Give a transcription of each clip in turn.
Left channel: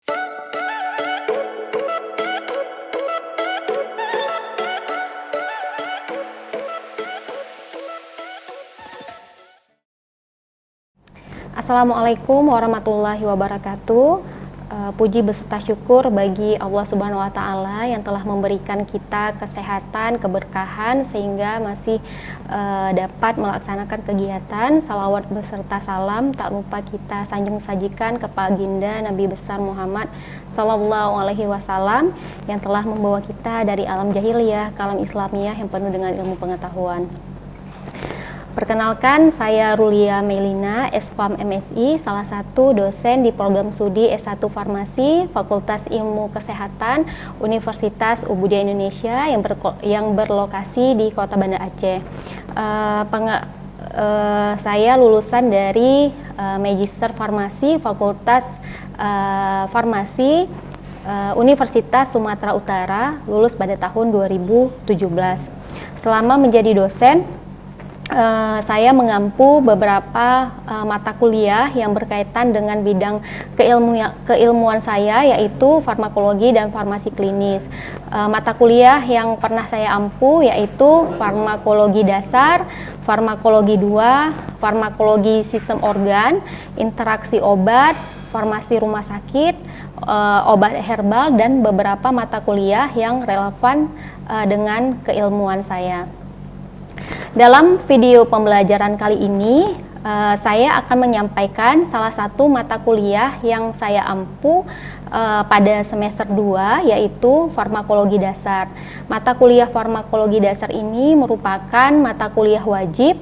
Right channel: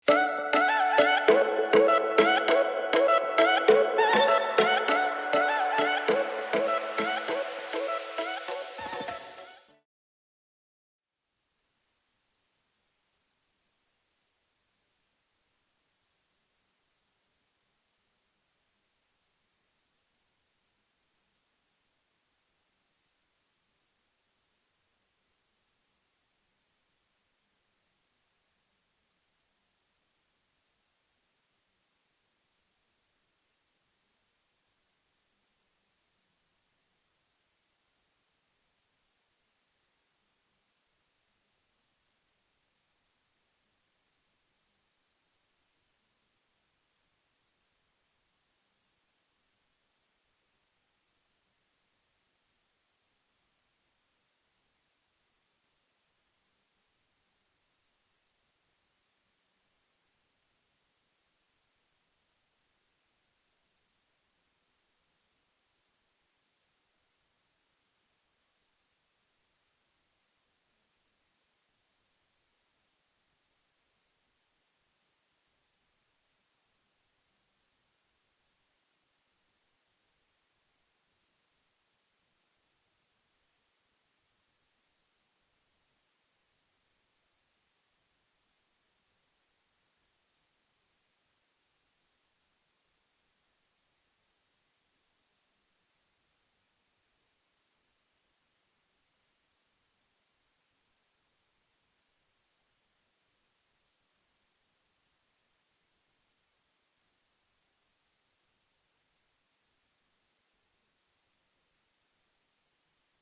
Assalamualaikum warahmatullahi wabarakatuh. Puji beserta syukur bagi Allah Subhanahu wa Ta'ala yang telah memberikan kita kesehatan, keberkahan sehingga masih dapat melaksanakan kegiatan. Salawat beserta salam tak lupa kita sanjung sajikan kepada baginda Nabi besar Muhammad Sallallahu Alaihi Wasallam yang telah membawa kita dari alam jahiliyah ke alam Islamiyah yang penuh dengan ilmu pengetahuan. Perkenalkan, saya Rulia Melina, S.Pharm MSI, salah satu dosen di program studi S1 Farmasi, Fakultas Ilmu Kesehatan, Universitas Ubudiah Indonesia yang berlokasi di Kota Banda Aceh. Saya lulusan dari Magister Farmasi, Fakultas Farmasi, Universitas Sumatera Utara, lulus pada tahun 2017. Selama menjadi dosen, saya mengampu beberapa mata kuliah yang berkaitan dengan bidang keilmuan saya, yaitu farmakologi dan farmasi klinis. Mata kuliah yang pernah saya ampu yaitu farmakologi dasar, farmakologi 2, farmakologi sistem organ, interaksi obat, farmasi rumah sakit, obat herbal, dan beberapa mata kuliah yang relevan dengan keilmuan saya. Dalam video pembelajaran kali ini, saya akan menyampaikan salah satu mata kuliah yang saya ampu pada semester 2, yaitu farmakologi dasar. Mata kuliah farmakologi dasar ini merupakan mata kuliah wajib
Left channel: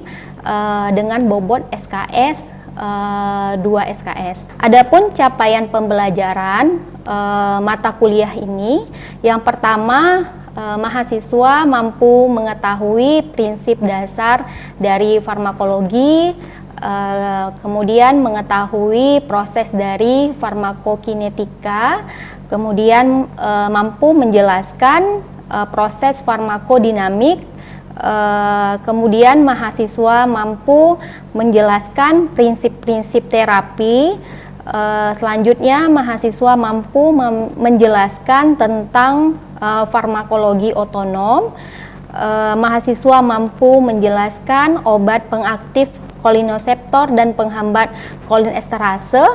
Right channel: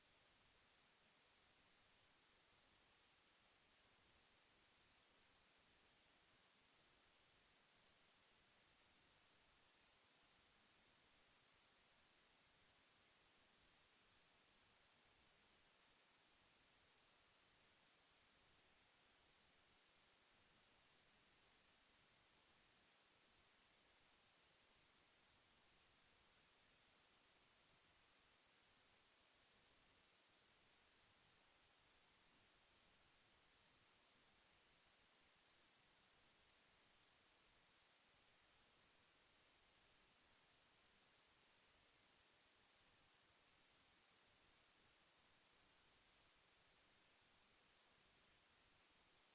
dengan bobot SKS 2 SKS. Adapun capaian pembelajaran mata kuliah ini, yang pertama, mahasiswa mampu mengetahui prinsip dasar dari farmakologi, kemudian mengetahui proses dari farmakokinetika, kemudian mampu menjelaskan proses farmakodinamik, kemudian mahasiswa mampu menjelaskan prinsip-prinsip terapi. Selanjutnya mahasiswa mampu menjelaskan tentang farmakologi otonom. Mahasiswa mampu menjelaskan obat pengaktif kolinoseptor dan penghambat kolinesterase.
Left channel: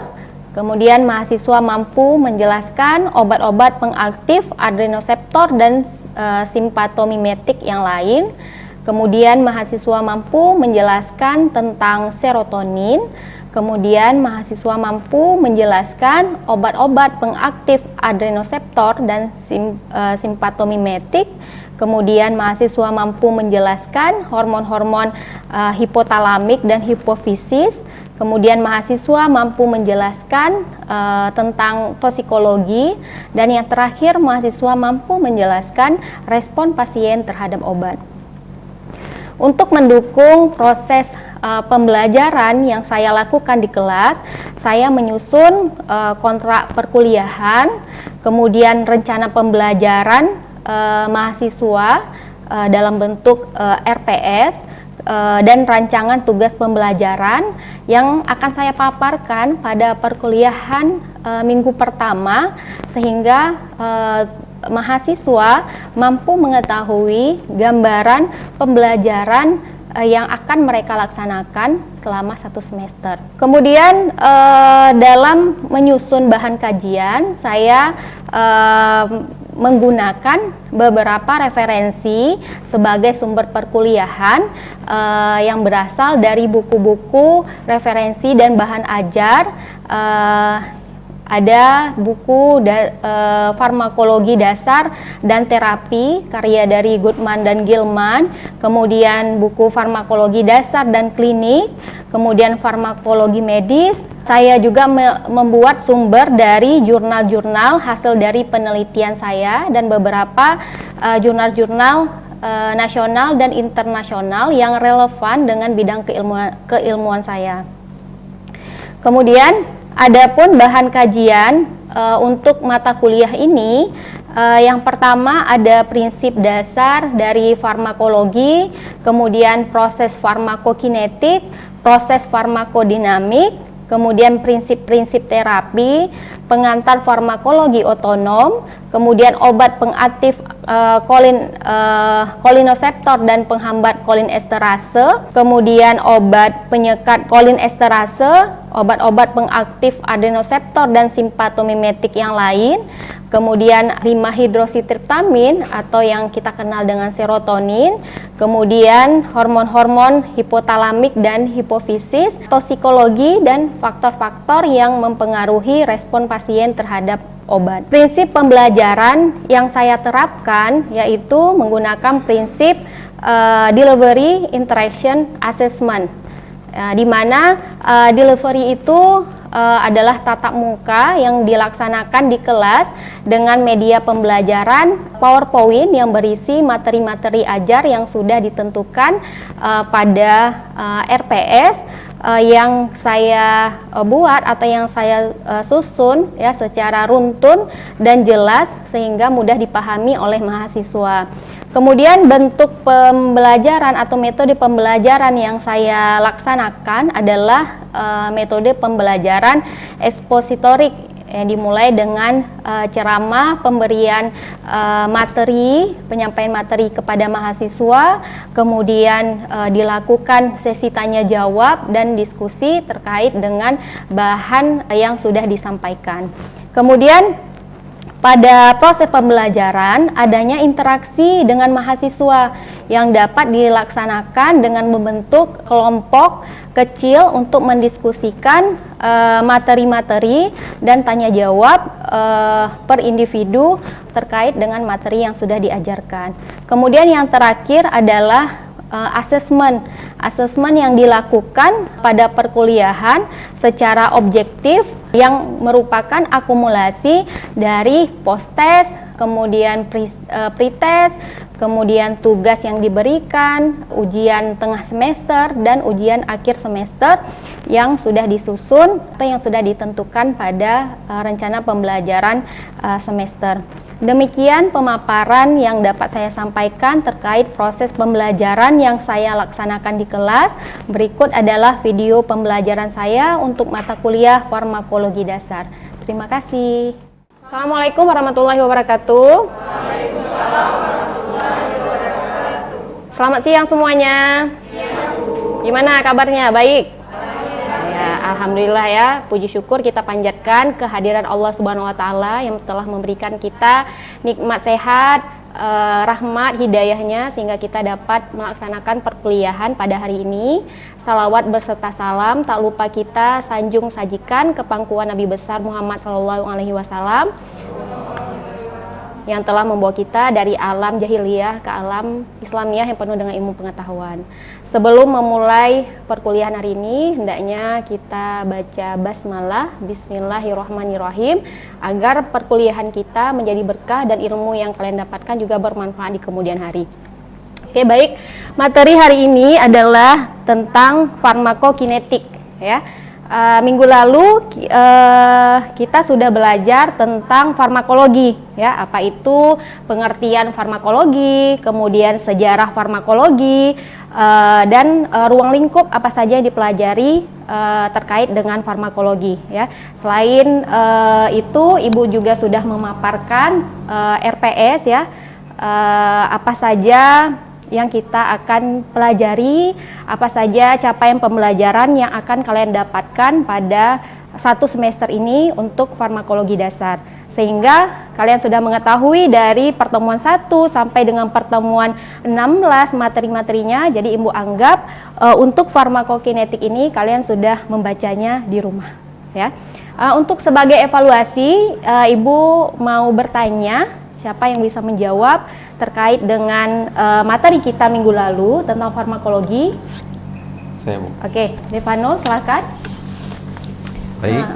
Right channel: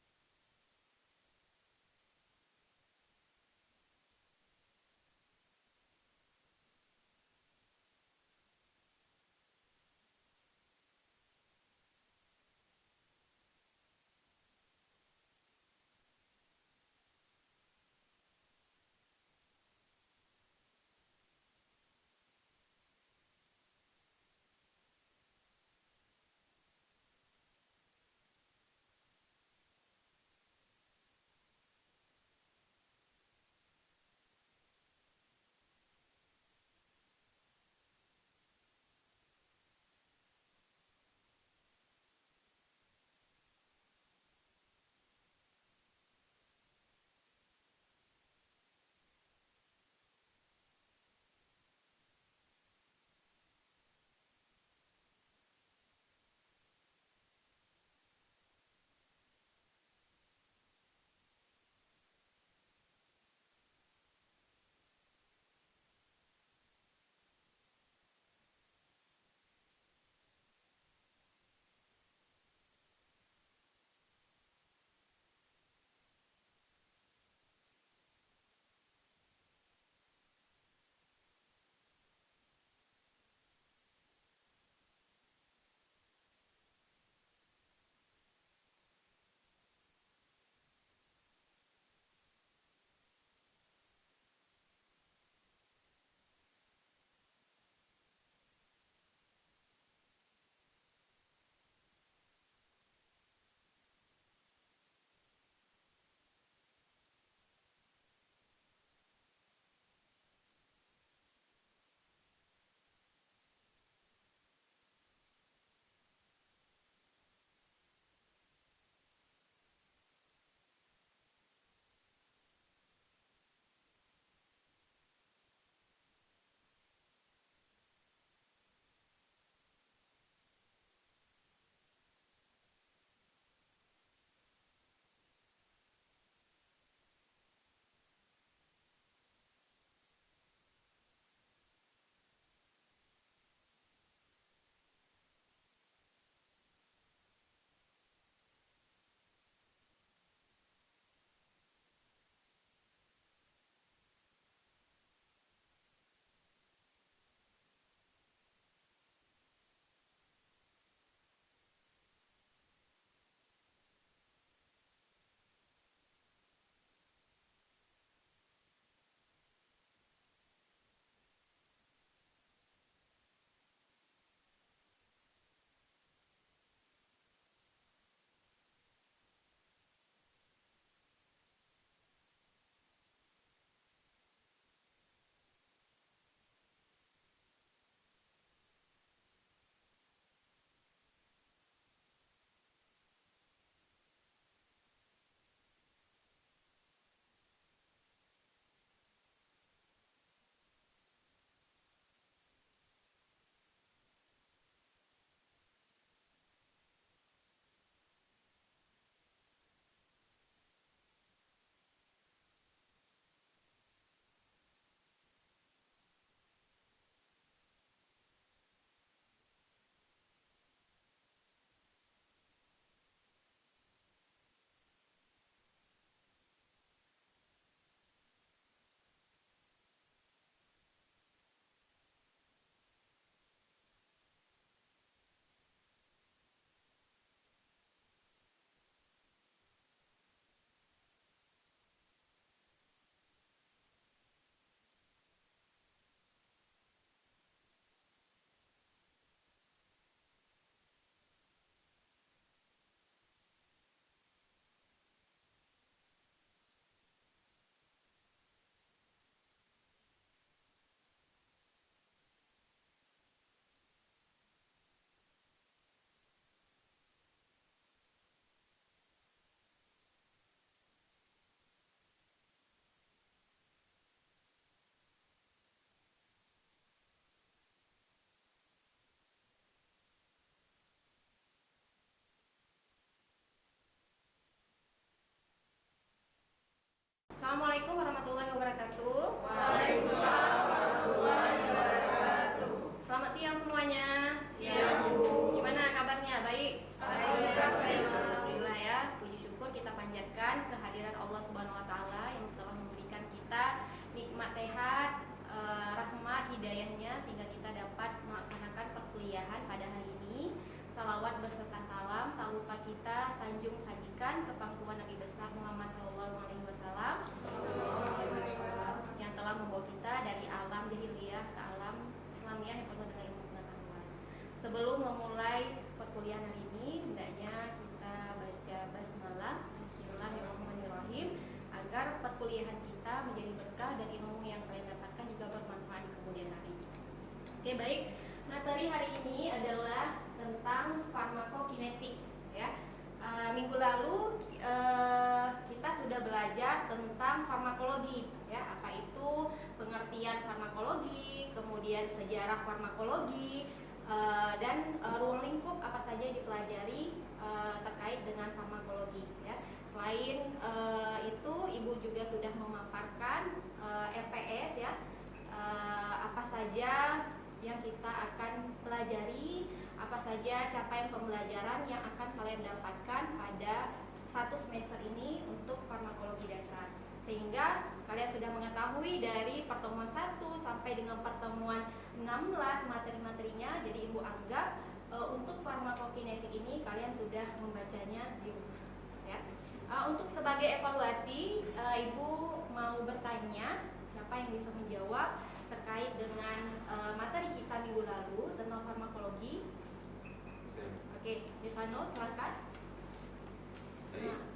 Kemudian mahasiswa mampu menjelaskan obat-obat pengaktif adrenoseptor dan simpatomimetik yang lain. Kemudian mahasiswa mampu menjelaskan tentang serotonin. Kemudian mahasiswa mampu menjelaskan obat-obat pengaktif adrenoseptor dan simpatomimetik. Kemudian mahasiswa mampu menjelaskan hormon-hormon hipotalamik dan hipofisis. Kemudian mahasiswa mampu menjelaskan tentang toksikologi. Dan yang terakhir, mahasiswa mampu menjelaskan respon pasien terhadap obat. Untuk mendukung proses pembelajaran yang saya lakukan di kelas, saya menyusun kontrak perkuliahan, kemudian rencana pembelajaran mahasiswa dalam bentuk RPS, dan rancangan tugas pembelajaran yang akan saya paparkan pada perkuliahan minggu pertama, sehingga mahasiswa mampu mengetahui gambaran pembelajaran yang akan mereka laksanakan selama 1 semester. Kemudian dalam menyusun bahan kajian, saya menggunakan beberapa referensi sebagai sumber perkuliahan yang berasal dari buku-buku referensi dan bahan ajar. Ada buku farmakologi dasar dan terapi karya dari Goodman dan Gilman, kemudian buku farmakologi dasar dan klinik, kemudian farmakologi medis. Saya juga membuat sumber dari jurnal-jurnal hasil dari penelitian saya dan beberapa jurnal-jurnal nasional dan internasional yang relevan dengan bidang keilmuan saya. Kemudian adapun bahan kajian untuk mata kuliah ini, yang pertama ada prinsip dasar dari farmakologi, kemudian proses farmakokinetik, proses farmakodinamik, kemudian prinsip-prinsip terapi, pengantar farmakologi otonom, kemudian obat pengaktif kolinoseptor dan penghambat kolinesterase, kemudian obat penyekat kolinesterase, obat-obat pengaktif adenoseptor dan simpatomimetik yang lain, kemudian rimahidrositriptamin atau yang kita kenal dengan serotonin, kemudian hormon-hormon hipotalamik dan hipofisis, tosikologi dan faktor-faktor yang mempengaruhi respon pasien terhadap obat. Prinsip pembelajaran yang saya terapkan yaitu menggunakan prinsip delivery interaction assessment, di mana delivery itu adalah tatap muka yang dilaksanakan di kelas dengan media pembelajaran PowerPoint yang berisi materi-materi ajar yang sudah ditentukan pada RPS yang saya buat atau yang saya susun ya secara runtun dan jelas sehingga mudah dipahami oleh mahasiswa. Kemudian bentuk pembelajaran atau metode pembelajaran yang saya laksanakan adalah metode pembelajaran ekspositorik yang dimulai dengan ceramah, pemberian materi, penyampaian materi kepada mahasiswa, kemudian dilakukan sesi tanya jawab dan diskusi terkait dengan bahan yang sudah disampaikan. Kemudian pada proses pembelajaran adanya interaksi dengan mahasiswa yang dapat dilaksanakan dengan membentuk kelompok kecil untuk mendiskusikan materi-materi dan tanya jawab per individu terkait dengan materi yang sudah diajarkan. Kemudian yang terakhir adalah asesmen yang dilakukan pada perkuliahan secara objektif yang merupakan akumulasi dari post-test, kemudian pre-test, kemudian tugas yang diberikan, ujian tengah semester, dan ujian akhir semester yang sudah disusun atau yang sudah ditentukan pada rencana pembelajaran semester. Demikian pemaparan yang dapat saya sampaikan terkait proses pembelajaran yang saya laksanakan di kelas. Berikut adalah video pembelajaran saya untuk mata kuliah farmakologi dasar. Terima kasih. Assalamualaikum warahmatullahi wabarakatuh. Waalaikumsalam warahmatullahi wabarakatuh. Selamat siang semuanya. Gimana kabarnya? Baik? Alhamdulillah ya, puji syukur kita panjatkan kehadiran Allah Subhanahu wa taala yang telah memberikan kita nikmat sehat, rahmat, hidayahnya sehingga kita dapat melaksanakan perkuliahan pada hari ini. Salawat berserta salam tak lupa kita sanjung sajikan ke pangkuan Nabi besar Muhammad SAW yang telah membawa kita dari alam jahiliyah ke alam Islamiyah yang penuh dengan ilmu pengetahuan. Sebelum memulai perkuliahan hari ini, hendaknya kita baca basmalah, bismillahirrahmanirrahim, agar perkuliahan kita menjadi berkah dan ilmu yang kalian dapatkan juga bermanfaat di kemudian hari. Oke, baik. Materi hari ini adalah tentang farmakokinetik, ya. Minggu lalu kita sudah belajar tentang farmakologi, ya, apa itu pengertian farmakologi, kemudian sejarah farmakologi, dan ruang lingkup apa saja yang dipelajari terkait dengan farmakologi, ya. Selain itu, Ibu juga sudah memaparkan RPS, ya, apa saja yang kita akan pelajari, apa saja capaian pembelajaran yang akan kalian dapatkan pada satu semester ini untuk farmakologi dasar. Sehingga kalian sudah mengetahui dari pertemuan 1 sampai dengan pertemuan 16 materi-materinya. Jadi Ibu anggap untuk farmakokinetik ini kalian sudah membacanya di rumah, ya. Untuk sebagai evaluasi, Ibu mau bertanya, siapa yang bisa menjawab terkait dengan materi kita minggu lalu tentang farmakologi? Saya, Bu. Oke, Devano, silakan. Baik.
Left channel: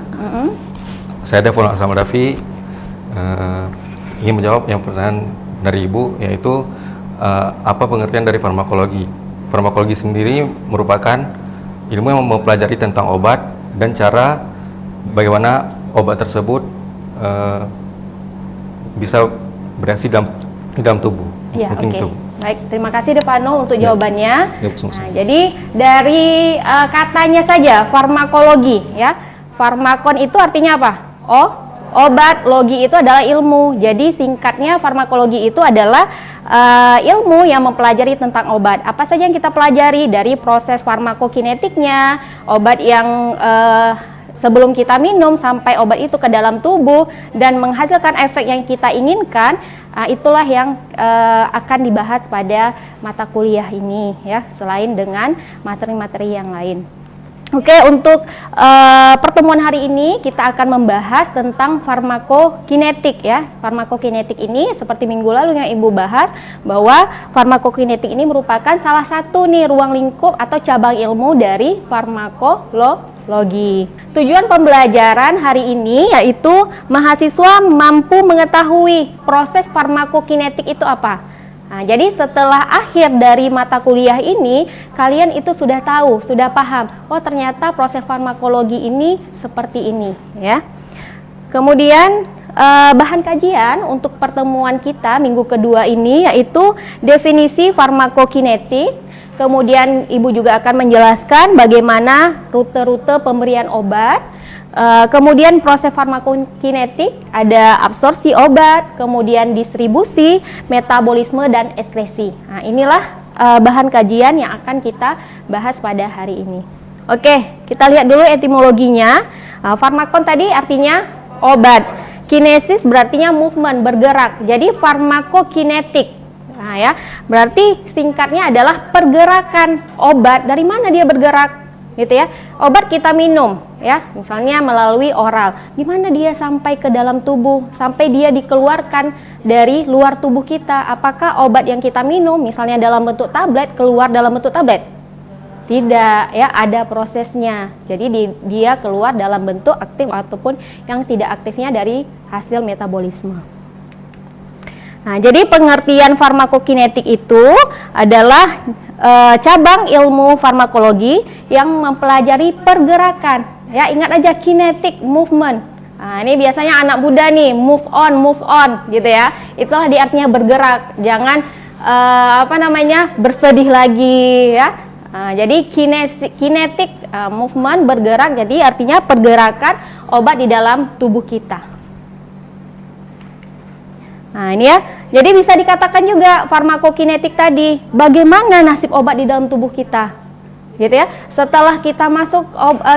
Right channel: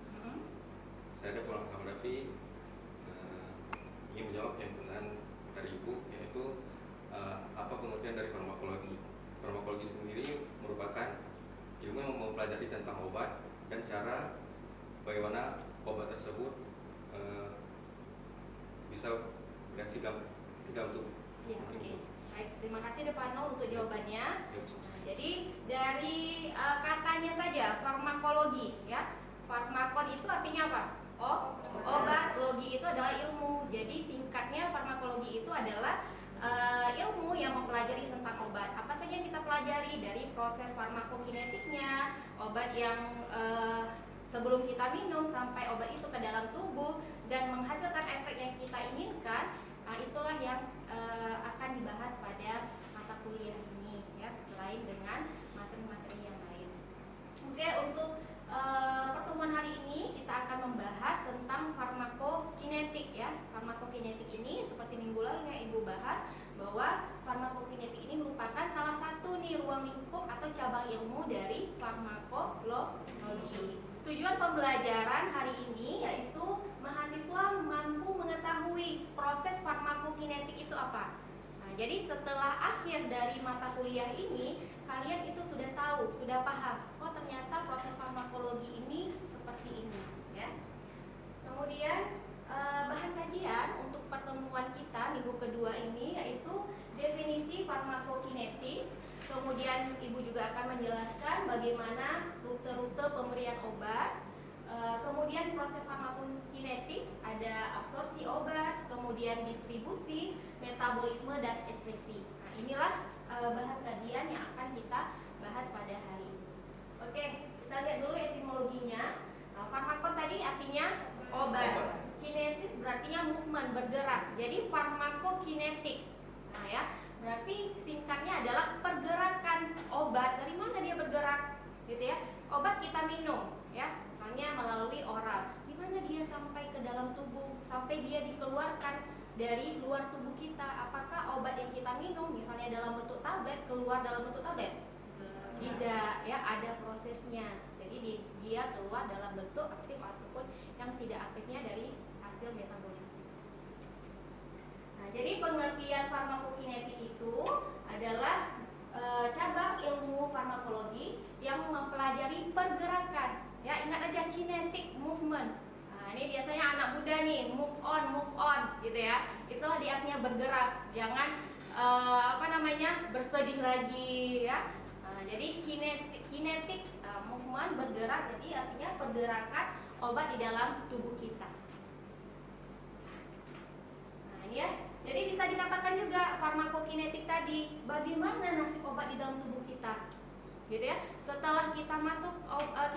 Saya Devano Aslam Raffi, ingin menjawab yang pertanyaan dari Ibu, yaitu apa pengertian dari farmakologi. Farmakologi sendiri merupakan ilmu yang mempelajari tentang obat dan cara bagaimana obat tersebut bisa bereaksi dalam tubuh. Ya, mungkin oke. itu. Baik, terima kasih Devano untuk jawabannya. Ya, sama-sama. Nah, jadi dari katanya saja farmakologi ya. Farmakon itu artinya apa? Obat, logi itu adalah ilmu. Jadi singkatnya farmakologi itu adalah ilmu yang mempelajari tentang obat. Apa saja yang kita pelajari dari proses farmakokinetiknya, obat yang sebelum kita minum sampai obat itu ke dalam tubuh dan menghasilkan efek yang kita inginkan, itulah yang akan dibahas pada mata kuliah ini ya, selain dengan materi-materi yang lain. Oke, untuk pertemuan hari ini kita akan membahas tentang farmakokinetik ya. Farmakokinetik ini seperti minggu lalu yang Ibu bahas bahwa farmakokinetik ini merupakan salah satu nih ruang lingkup atau cabang ilmu dari farmakologi. Tujuan pembelajaran hari ini yaitu mahasiswa mampu mengetahui proses farmakokinetik itu apa. Nah, jadi setelah akhir dari mata kuliah ini, kalian itu sudah tahu, sudah paham, oh ternyata proses farmakologi ini seperti ini, ya. Kemudian bahan kajian untuk pertemuan kita minggu kedua ini yaitu definisi farmakokinetik. Kemudian Ibu juga akan menjelaskan bagaimana rute-rute pemberian obat. Kemudian proses farmakokinetik, ada absorpsi obat, kemudian distribusi, metabolisme, dan ekskresi. Nah, inilah bahan kajian yang akan kita bahas pada hari ini. Oke, kita lihat dulu etimologinya. Farmakon tadi artinya obat. Kinesis berartinya movement, bergerak. Jadi farmakokinetik. Nah, ya, berarti singkatnya adalah pergerakan obat. Dari mana dia bergerak? Gitu ya. Obat kita minum ya, misalnya melalui oral. Gimana dia sampai ke dalam tubuh, sampai dia dikeluarkan dari luar tubuh kita? Apakah obat yang kita minum misalnya dalam bentuk tablet keluar dalam bentuk tablet? Tidak ya, ada prosesnya. Jadi dia keluar dalam bentuk aktif ataupun yang tidak aktifnya dari hasil metabolisme. Nah, jadi pengertian farmakokinetik itu adalah cabang ilmu farmakologi yang mempelajari pergerakan. Ya, ingat aja kinetic movement. Nah, ini biasanya anak muda nih, move on, gitu ya. Itulah di artinya bergerak. Jangan bersedih lagi ya. Jadi kinetic movement, bergerak. Jadi artinya pergerakan obat di dalam tubuh kita. Nah, ini ya. Jadi bisa dikatakan juga farmakokinetik tadi, bagaimana nasib obat di dalam tubuh kita, gitu ya. Setelah kita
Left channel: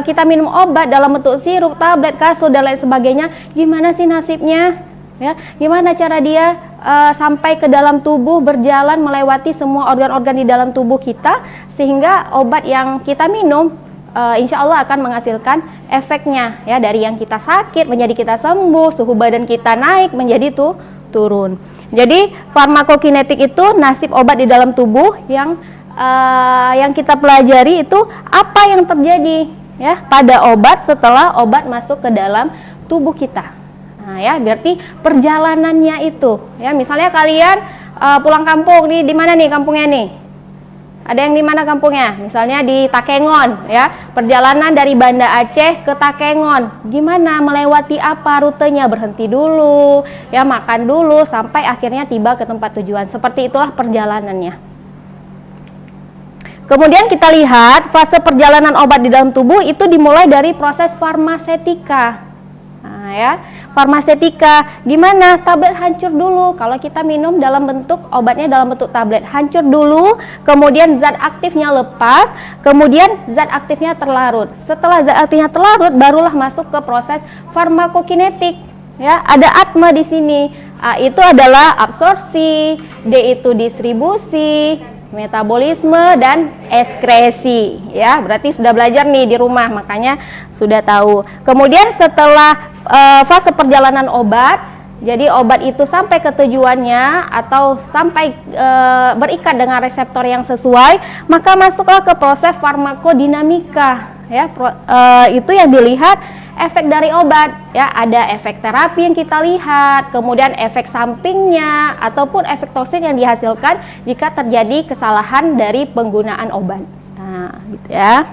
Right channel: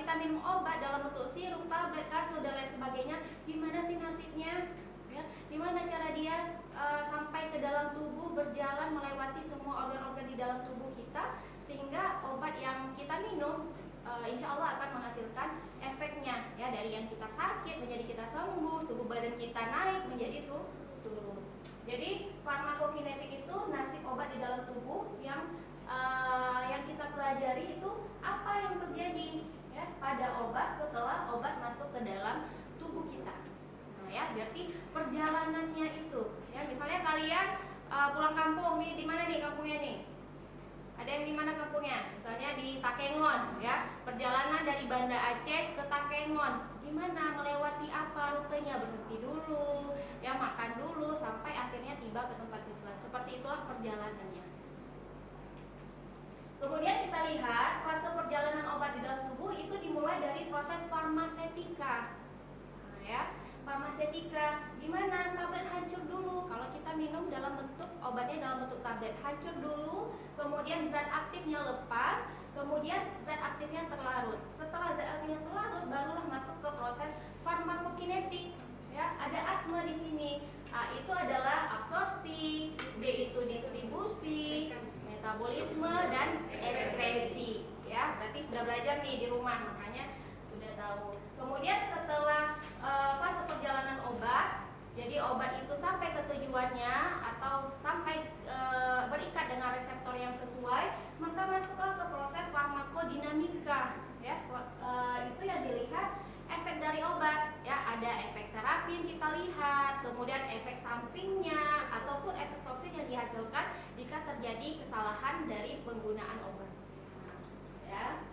kita minum obat dalam bentuk sirup, tablet, kapsul dan lain sebagainya, gimana sih nasibnya? Ya, gimana cara dia sampai ke dalam tubuh, berjalan melewati semua organ-organ di dalam tubuh kita, sehingga obat yang kita minum insya Allah akan menghasilkan efeknya, ya, dari yang kita sakit menjadi kita sembuh, suhu badan kita naik menjadi turun. Jadi farmakokinetik itu nasib obat di dalam tubuh yang kita pelajari itu apa yang terjadi ya pada obat setelah obat masuk ke dalam tubuh kita. Nah, ya berarti perjalanannya itu ya, misalnya kalian pulang kampung nih, di mana nih kampungnya nih? Ada yang di mana kampungnya? Misalnya di Takengon ya. Perjalanan dari Banda Aceh ke Takengon. Gimana melewati apa rutenya? Berhenti dulu, ya, makan dulu sampai akhirnya tiba ke tempat tujuan. Seperti itulah perjalanannya. Kemudian kita lihat fase perjalanan obat di dalam tubuh itu dimulai dari proses farmasetika. Nah, ya. Farmasetika, gimana? Tablet hancur dulu. Kalau kita minum dalam bentuk obatnya dalam bentuk tablet, hancur dulu, kemudian zat aktifnya lepas, kemudian zat aktifnya terlarut. Setelah zat aktifnya terlarut, barulah masuk ke proses farmakokinetik. Ya, ada atma di sini. A itu adalah absorpsi, D itu distribusi, metabolisme dan ekskresi. Ya, berarti sudah belajar nih di rumah, makanya sudah tahu. Kemudian setelah fase perjalanan obat, jadi obat itu sampai ke tujuannya atau sampai berikat dengan reseptor yang sesuai, maka masuklah ke proses farmakodinamika. Ya, itu yang dilihat efek dari obat. Ya, ada efek terapi yang kita lihat, kemudian efek sampingnya ataupun efek toksin yang dihasilkan jika terjadi kesalahan dari penggunaan obat. Nah, gitu ya.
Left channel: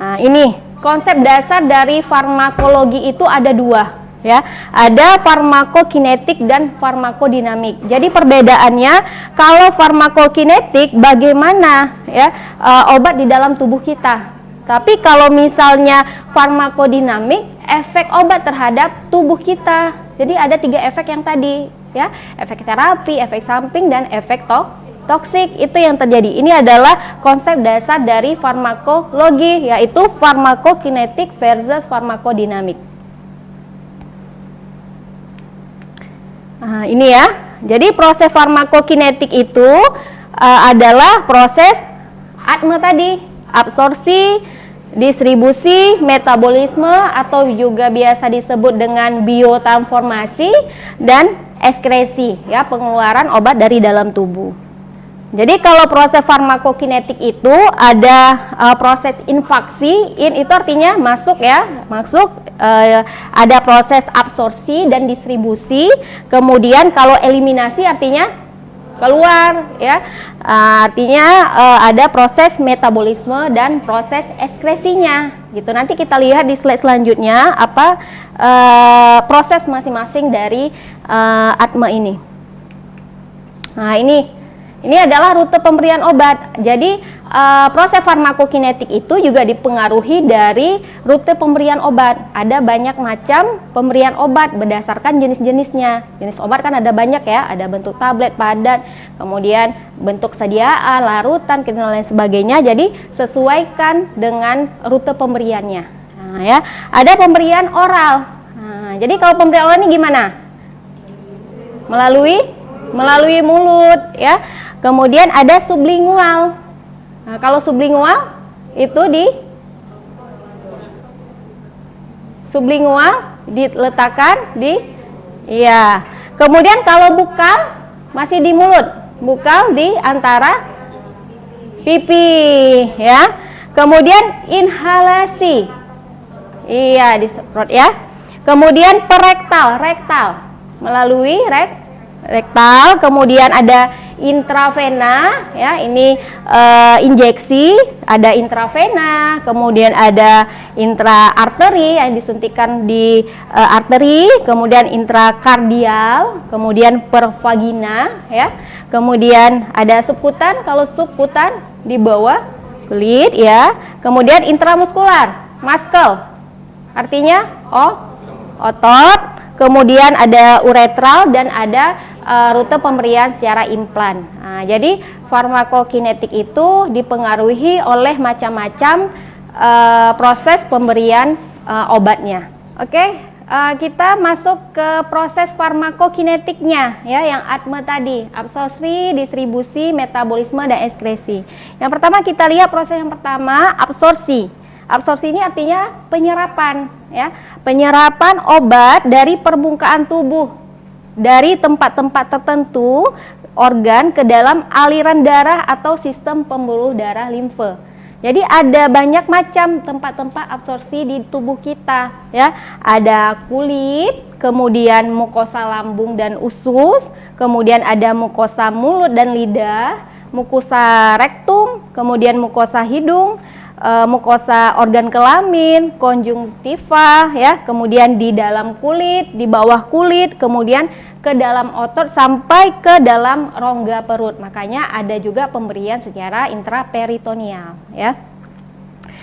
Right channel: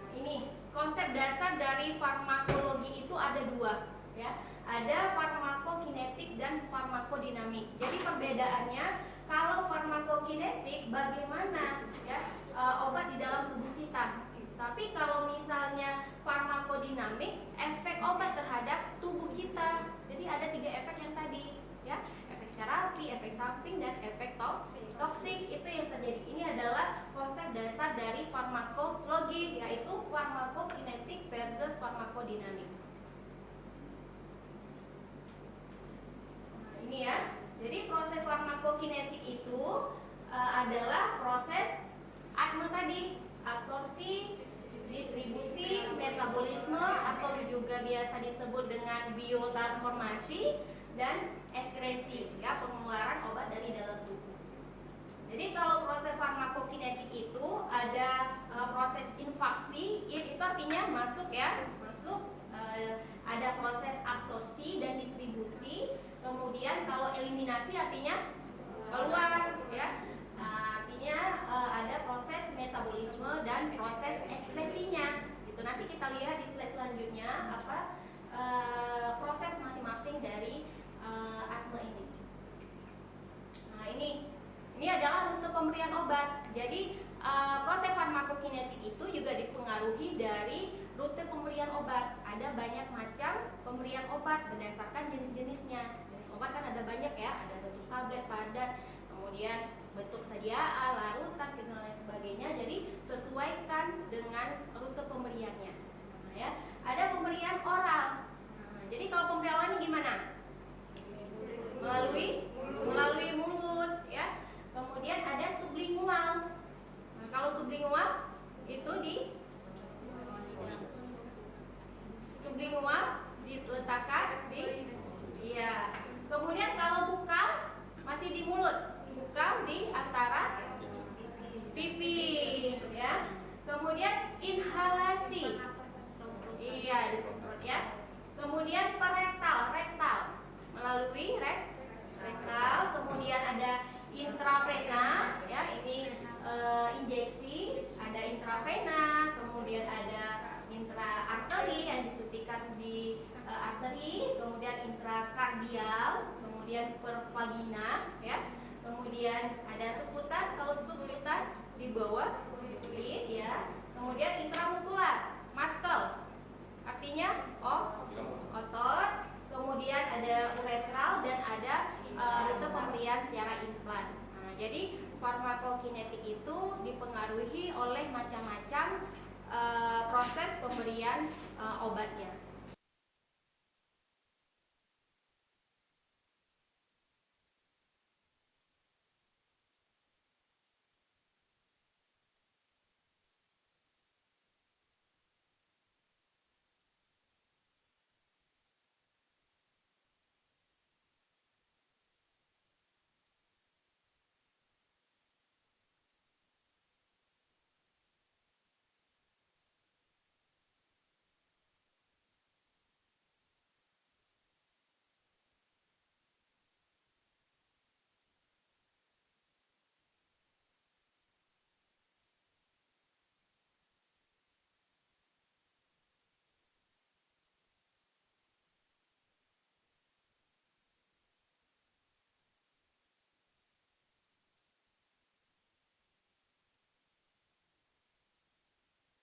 Nah, ini konsep dasar dari farmakologi itu ada dua. ya. Ada farmakokinetik dan farmakodinamik. Jadi perbedaannya, kalau farmakokinetik bagaimana ya obat di dalam tubuh kita. Tapi kalau misalnya farmakodinamik, efek obat terhadap tubuh kita. Jadi ada 3 efek yang tadi ya, efek terapi, efek samping, dan efek toksik. Itu yang terjadi. Ini adalah konsep dasar dari farmakologi, yaitu farmakokinetik versus farmakodinamik. Nah, ini ya. Jadi proses farmakokinetik itu adalah proses ATME tadi, absorpsi, distribusi, metabolisme, atau juga biasa disebut dengan biotransformasi, dan ekskresi, ya, pengeluaran obat dari dalam tubuh. Jadi kalau proses farmakokinetik itu ada proses infaksi, itu artinya masuk ya, ada proses absorpsi dan distribusi. Kemudian kalau eliminasi artinya keluar ya, artinya ada proses metabolisme dan proses ekskresinya gitu. Nanti kita lihat di slide selanjutnya apa proses masing-masing dari ATME ini. Nah, ini adalah rute pemberian obat. Jadi proses farmakokinetik itu juga dipengaruhi dari rute pemberian obat. Ada banyak macam pemberian obat berdasarkan jenis-jenisnya. Jenis obat kan ada banyak ya, ada bentuk tablet, padat, kemudian bentuk sediaan, larutan, dan lain sebagainya. Jadi sesuaikan dengan rute pemberiannya. Nah, ya, ada pemberian oral. Nah, jadi kalau pemberian oral ini gimana? Melalui mulut ya. Kemudian ada sublingual. Nah, kalau sublingual itu sublingual diletakkan di iya. Kemudian kalau bukal masih di mulut, bukal di antara pipi ya. Kemudian inhalasi. Iya, disemprot ya. Kemudian perektal, rektal melalui rektal. Kemudian ada intravena ya, ini injeksi, ada intravena, kemudian ada intraarteri yang disuntikan di arteri, kemudian intrakardial, kemudian pervagina ya. Kemudian ada subkutan, kalau subkutan di bawah kulit ya. Kemudian intramuskular, muscle, artinya otot. Kemudian ada uretral dan ada rute pemberian secara implan. Nah, jadi farmakokinetik itu dipengaruhi oleh macam-macam proses pemberian obatnya. Oke, kita masuk ke proses farmakokinetiknya ya, yang ATME tadi, absorpsi, distribusi, metabolisme, dan ekskresi. Yang pertama kita lihat proses yang pertama, absorpsi. Absorpsi ini artinya penyerapan ya, penyerapan obat dari permukaan tubuh, dari tempat-tempat tertentu organ ke dalam aliran darah atau sistem pembuluh darah limfe. Jadi ada banyak macam tempat-tempat absorpsi di tubuh kita ya. Ada kulit, kemudian mukosa lambung dan usus, kemudian ada mukosa mulut dan lidah, mukosa rektum, kemudian mukosa hidung, mukosa organ kelamin, konjungtiva ya, kemudian di dalam kulit, di bawah kulit, kemudian ke dalam otot sampai ke dalam rongga perut. Makanya ada juga pemberian secara intraperitoneal ya.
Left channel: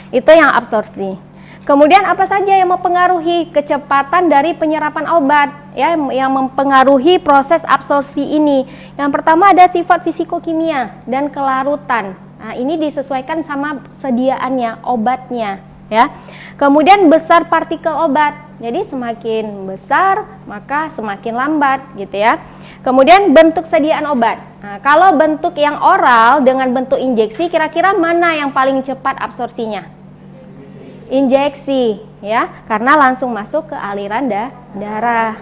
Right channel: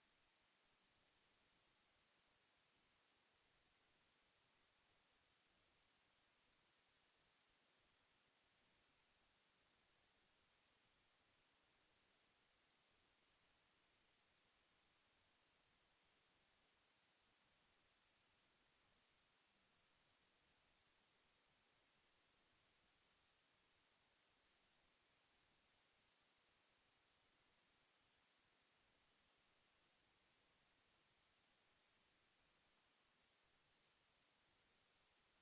Itu yang absorpsi. Kemudian apa saja yang mempengaruhi kecepatan dari penyerapan obat ya, yang mempengaruhi proses absorpsi ini? Yang pertama ada sifat fisikokimia dan kelarutan. Nah, ini disesuaikan sama sediaannya, obatnya ya. Kemudian besar partikel obat. Jadi semakin besar maka semakin lambat gitu ya. Kemudian bentuk sediaan obat. Nah, kalau bentuk yang oral dengan bentuk injeksi, kira-kira mana yang paling cepat absorpsinya? Injeksi ya, karena langsung masuk ke aliran darah.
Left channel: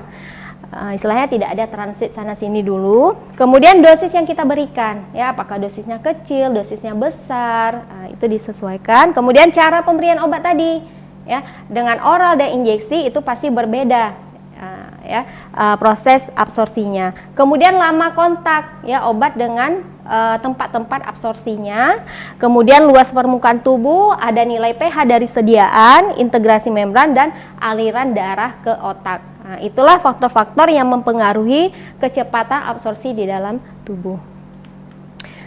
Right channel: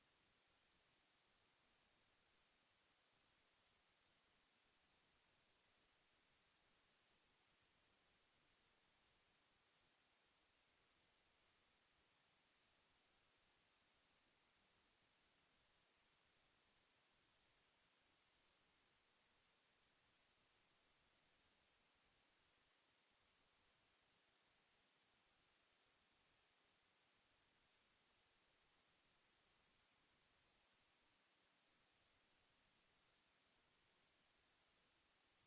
Istilahnya tidak ada transit sana sini dulu. Kemudian dosis yang kita berikan ya, apakah dosisnya kecil, dosisnya besar, itu disesuaikan. Kemudian cara pemberian obat tadi ya, dengan oral dan injeksi itu pasti berbeda ya, proses absorpsinya. Kemudian lama kontak ya obat dengan tempat-tempat absorpsinya. Kemudian luas permukaan tubuh, ada nilai pH dari sediaan, integrasi membran, dan aliran darah ke otak. Nah, itulah faktor-faktor yang mempengaruhi kecepatan absorpsi di dalam tubuh.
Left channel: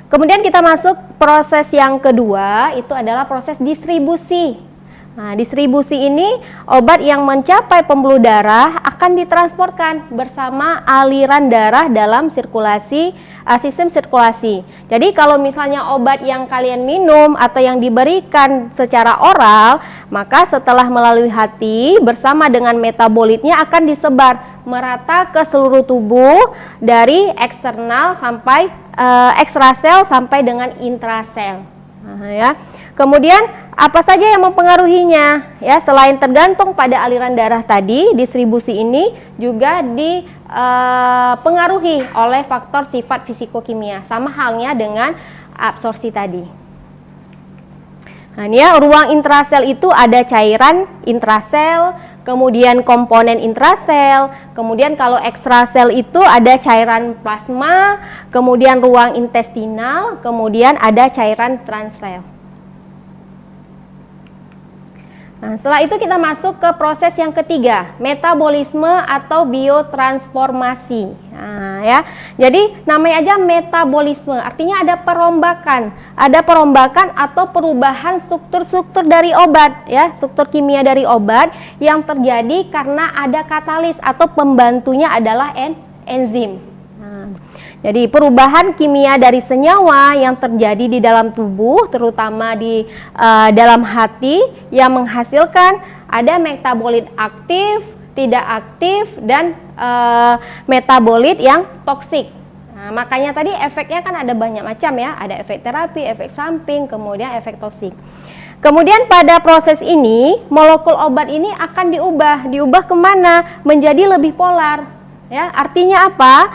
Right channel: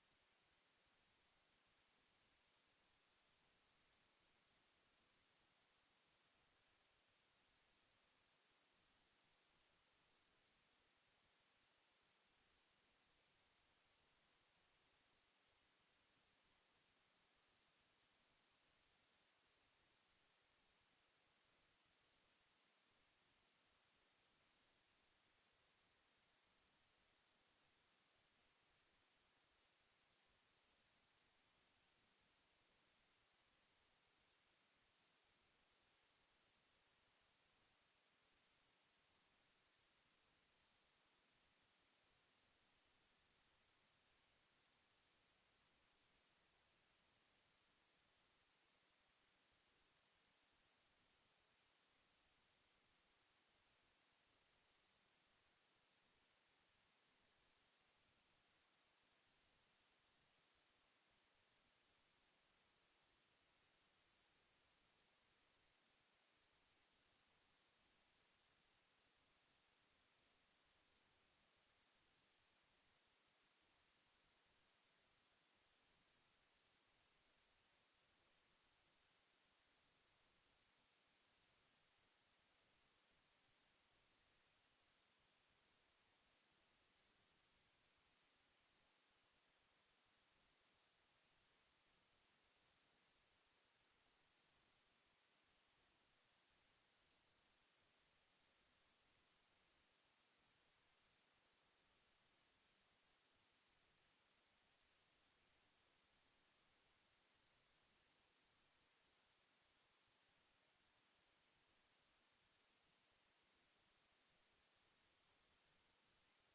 Kemudian kita masuk proses yang kedua, itu adalah proses distribusi. Nah, distribusi ini obat yang mencapai pembuluh darah akan ditransportkan bersama aliran darah dalam sistem sirkulasi. Jadi kalau misalnya obat yang kalian minum atau yang diberikan secara oral, maka setelah melalui hati bersama dengan metabolitnya akan disebar merata ke seluruh tubuh dari eksternal sampai ekstrasel sampai dengan intrasel. Nah, ya. Kemudian apa saja yang mempengaruhinya? Ya, selain tergantung pada aliran darah tadi, distribusi ini juga dipengaruhi oleh faktor sifat fisikokimia, sama halnya dengan absorpsi tadi. Nah, ini ya, ruang intrasel itu ada cairan intrasel, kemudian komponen intrasel, kemudian kalau ekstrasel itu ada cairan plasma, kemudian ruang intestinal, kemudian ada cairan transsel. Nah, setelah itu kita masuk ke proses yang ketiga, metabolisme atau biotransformasi. Nah, ya. Jadi namanya aja metabolisme, artinya ada perombakan atau perubahan struktur-struktur dari obat, ya, struktur kimia dari obat yang terjadi karena ada katalis atau pembantunya adalah enzim. Jadi perubahan kimia dari senyawa yang terjadi di dalam tubuh, terutama di dalam hati, yang menghasilkan ada metabolit aktif, tidak aktif, dan metabolit yang toksik. Nah, makanya tadi efeknya kan ada banyak macam ya, ada efek terapi, efek samping, kemudian efek toksik. Kemudian pada proses ini molekul obat ini akan diubah kemana? Menjadi lebih polar. Ya, artinya apa?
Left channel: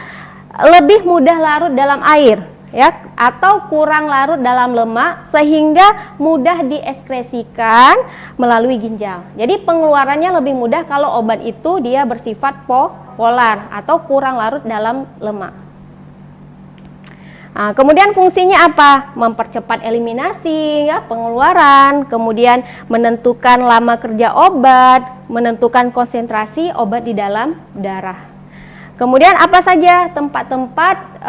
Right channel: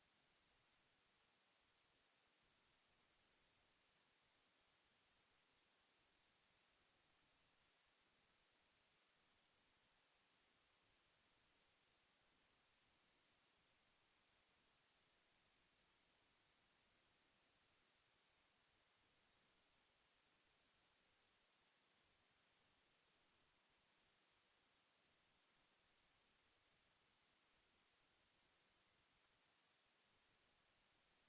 Lebih mudah larut dalam air, ya, atau kurang larut dalam lemak sehingga mudah dieskresikan melalui ginjal. Jadi pengeluarannya lebih mudah kalau obat itu dia bersifat polar atau kurang larut dalam lemak. Nah, kemudian fungsinya apa? Mempercepat eliminasi, ya, pengeluaran, kemudian menentukan lama kerja obat, menentukan konsentrasi obat di dalam darah. Kemudian apa saja tempat-tempat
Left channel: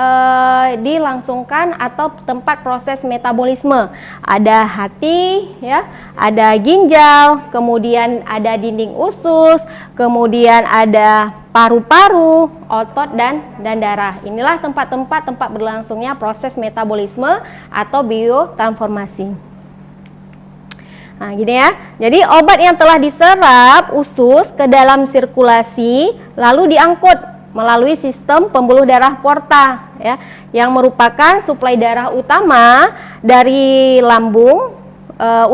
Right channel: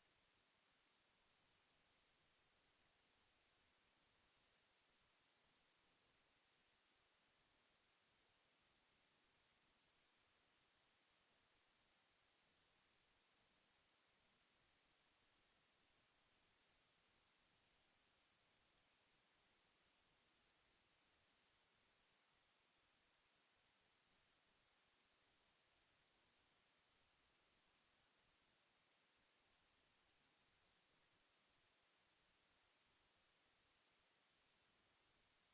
dilangsungkan atau tempat proses metabolisme? Ada hati, ya, ada ginjal, kemudian ada dinding usus, kemudian ada paru-paru, otot dan darah. Inilah tempat berlangsungnya proses metabolisme atau biotransformasi. Nah, gini ya. Jadi obat yang telah diserap usus ke dalam sirkulasi lalu diangkut melalui sistem pembuluh darah porta, ya, yang merupakan suplai darah utama dari lambung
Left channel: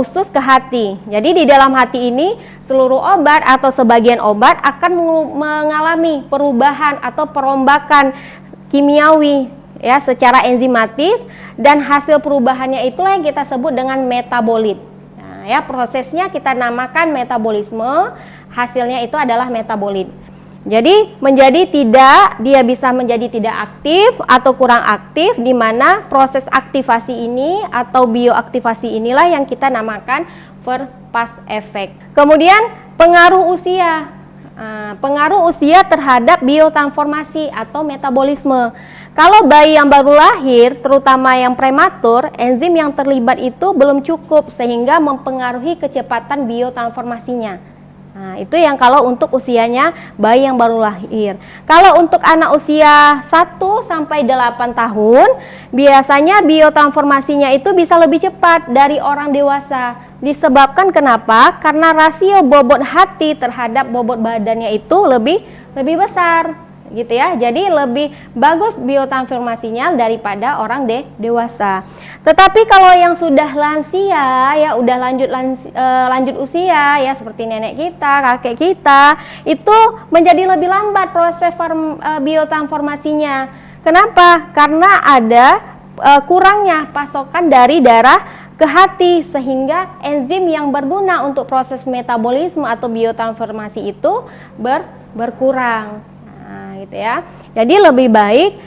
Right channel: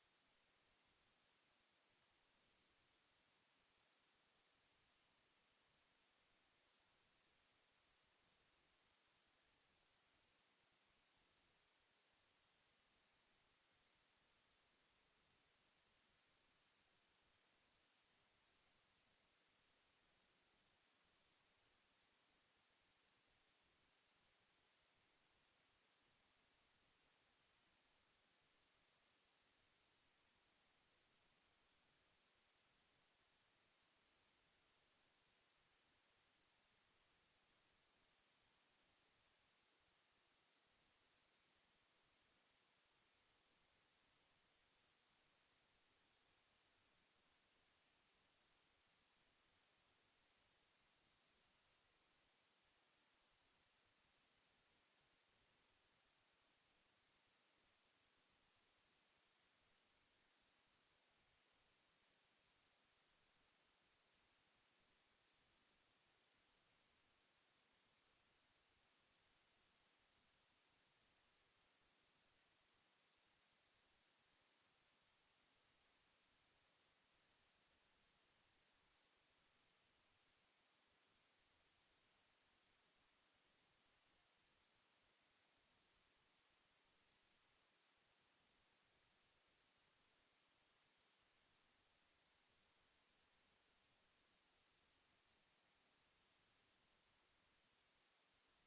usus ke hati. Jadi di dalam hati ini seluruh obat atau sebagian obat akan mengalami perubahan atau perombakan kimiawi, ya, secara enzimatis, dan hasil perubahannya itulah yang kita sebut dengan metabolit. Nah, ya, prosesnya kita namakan metabolisme, hasilnya itu adalah metabolit. Jadi dia bisa menjadi tidak aktif atau kurang aktif, di mana proses aktivasi ini atau bioaktivasi inilah yang kita namakan Verpas effect. Kemudian pengaruh usia. Pengaruh usia terhadap biotransformasi atau metabolisme. Kalau bayi yang baru lahir, terutama yang prematur, enzim yang terlibat itu belum cukup sehingga mempengaruhi kecepatan biotransformasinya. Nah, itu yang kalau untuk usianya bayi yang baru lahir. Kalau untuk anak usia 1 sampai 8 tahun, biasanya biotransformasinya itu bisa lebih cepat dari orang dewasa. Disebabkan kenapa? Karena rasio bobot hati terhadap bobot badannya itu lebih besar, gitu ya. Jadi lebih bagus biotransformasinya daripada orang dewasa. Tetapi kalau yang sudah lansia, ya udah lanjut usia, ya seperti nenek kita, kakek kita, itu menjadi lebih lambat proses biotransformasinya. Kenapa? Karena ada kurangnya pasokan dari darah ke hati, sehingga enzim yang berguna untuk proses metabolisme atau biotransformasi itu berkurang. Gitu ya. Jadi lebih baik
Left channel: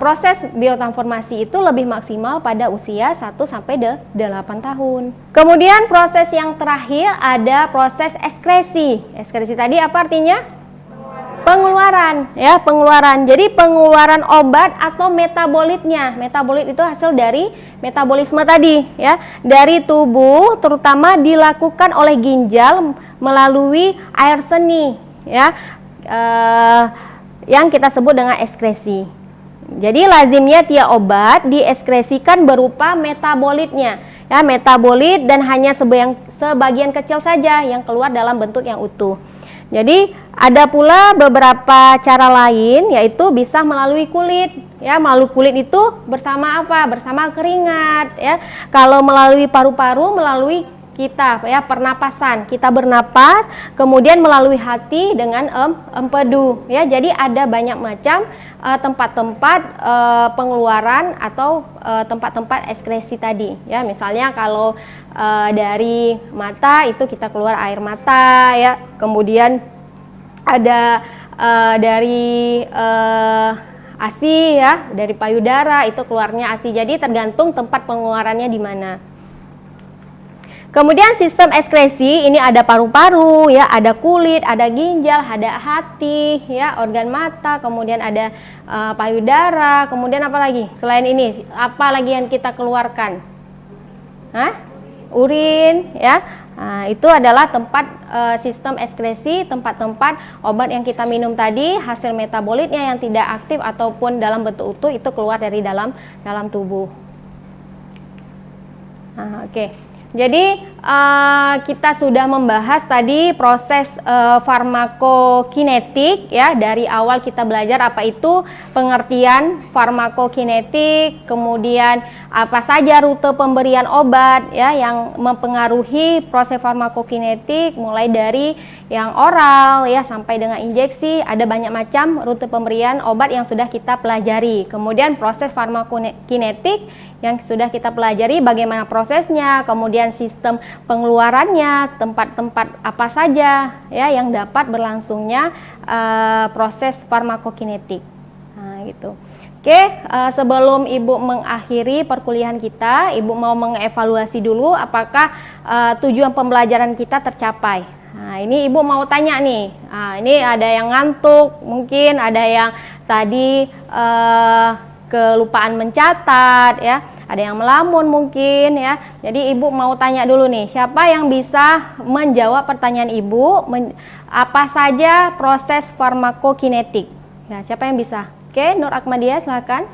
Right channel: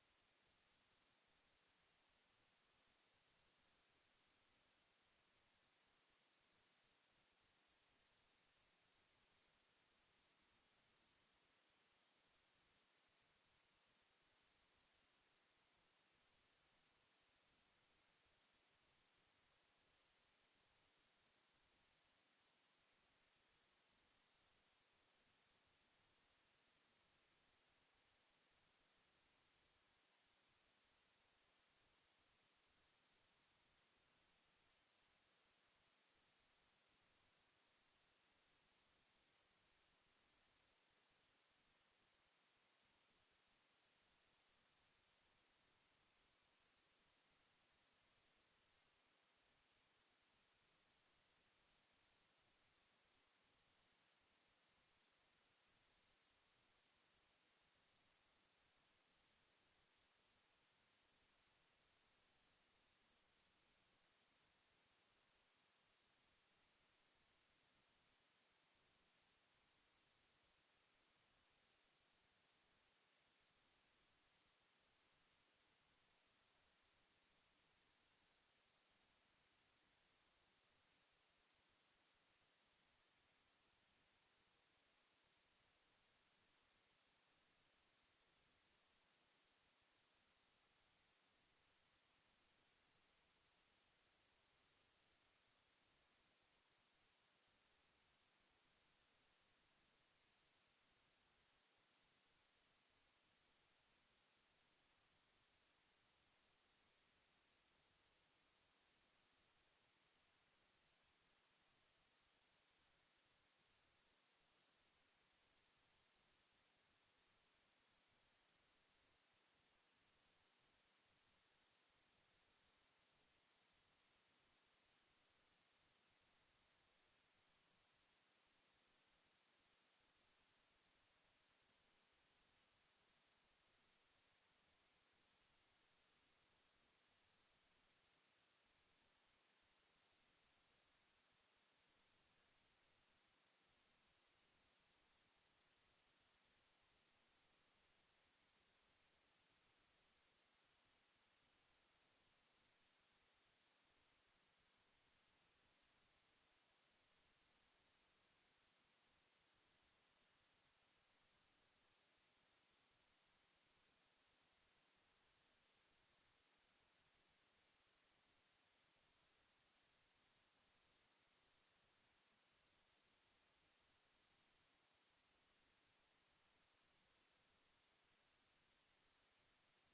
proses biotransformasi itu lebih maksimal pada usia 1 sampai 8 tahun. Kemudian proses yang terakhir ada proses ekskresi. Ekskresi tadi apa artinya? Pengeluaran, ya, pengeluaran. Jadi pengeluaran obat atau metabolitnya. Metabolit itu hasil dari metabolisme tadi, ya, dari tubuh, terutama dilakukan oleh ginjal melalui air seni, ya, yang kita sebut dengan ekskresi. Jadi lazimnya tiap obat diekskresikan berupa metabolitnya, ya, metabolit, dan hanya sebagian kecil saja yang keluar dalam bentuk yang utuh. Jadi ada pula beberapa cara lain, yaitu bisa melalui kulit, ya. Melalui kulit itu bersama apa? Bersama keringat, ya. Kalau melalui paru-paru, melalui kita, ya, pernapasan. Kita bernapas, kemudian melalui hati dengan empedu, ya. Jadi ada banyak macam tempat-tempat pengeluaran atau tempat-tempat ekskresi tadi, ya. Misalnya kalau dari mata itu kita keluar air mata, ya. Kemudian ada dari ASI, ya, dari payudara itu keluarnya ASI. Jadi tergantung tempat pengeluarannya di mana. Kemudian sistem ekskresi ini ada paru-paru, ya, ada kulit, ada ginjal, ada hati, ya, organ mata, kemudian ada payudara, kemudian apa lagi? Selain ini, apa lagi yang kita keluarkan? Urin, ya. Nah, itu adalah tempat sistem ekskresi, tempat-tempat obat yang kita minum tadi, hasil metabolitnya yang tidak aktif ataupun dalam bentuk utuh itu keluar dari dalam tubuh. Oke. Jadi kita sudah membahas tadi proses farmakokinetik, ya. Dari awal kita belajar apa itu pengertian farmakokinetik, kemudian apa saja rute pemberian obat, ya, yang mempengaruhi proses farmakokinetik, mulai dari yang oral, ya, sampai dengan injeksi. Ada banyak macam rute pemberian obat yang sudah kita pelajari. Kemudian proses farmakokinetik yang sudah kita pelajari bagaimana prosesnya, kemudian sistem pengeluarannya, tempat-tempat apa saja, ya, yang dapat berlangsungnya proses farmakokinetik. Nah, gitu. Oke, sebelum Ibu mengakhiri perkuliahan kita, Ibu mau mengevaluasi dulu apakah tujuan pembelajaran kita tercapai. Nah, ini Ibu mau tanya nih. Nah, ini ada yang ngantuk, mungkin ada yang tadi kelupaan mencatat, ya, ada yang melamun mungkin, ya. Jadi Ibu mau tanya dulu nih, siapa yang bisa menjawab pertanyaan Ibu, apa saja proses farmakokinetik? Ya, siapa yang bisa? Oke, Nur Akmadia, silakan.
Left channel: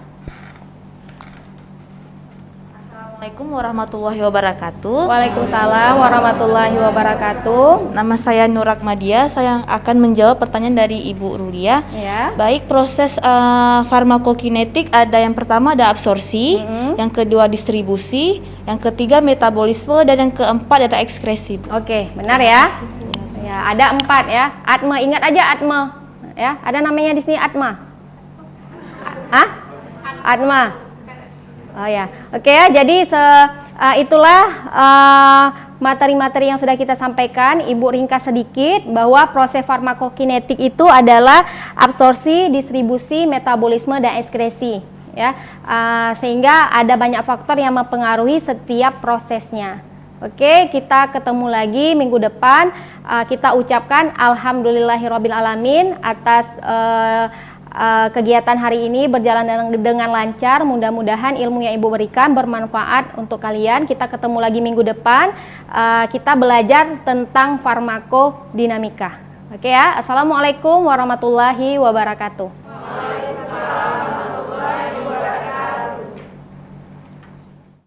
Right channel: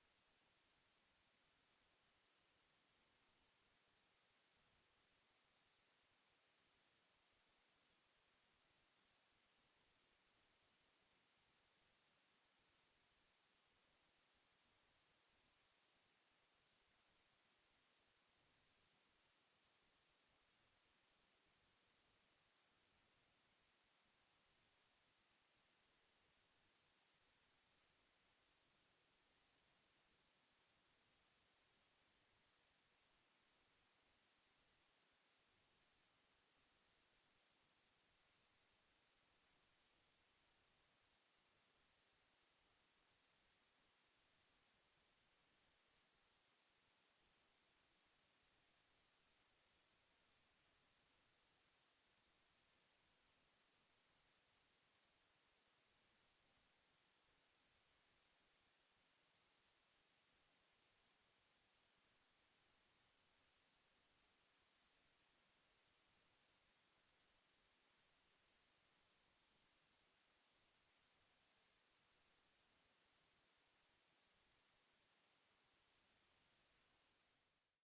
Assalamualaikum warahmatullahi wabarakatuh. Waalaikumsalam warahmatullahi wabarakatuh. Nama saya Nur Akmadia, saya akan menjawab pertanyaan dari Ibu Rulia. Ya. Baik, proses farmakokinetik ada yang pertama ada absorpsi, yang kedua distribusi, yang ketiga metabolisme, dan yang keempat ada ekskresi. Oke, benar ya. Ya, ada 4 ya. Atma, ingat aja Atma. Ya, ada namanya di sini Atma. Atma. Oh ya, oke ya. Jadi itulah materi-materi yang sudah kita sampaikan. Ibu ringkas sedikit bahwa proses farmakokinetik itu adalah absorpsi, distribusi, metabolisme, dan ekskresi. Ya, sehingga ada banyak faktor yang mempengaruhi setiap prosesnya. Oke, kita ketemu lagi minggu depan. Kita ucapkan alhamdulillahirabbil alamin atas kegiatan hari ini berjalan dengan lancar. Mudah-mudahan ilmu yang Ibu berikan bermanfaat untuk kalian. Kita ketemu lagi minggu depan. Kita belajar tentang farmakodinamika. Oke ya. Assalamualaikum warahmatullahi wabarakatuh.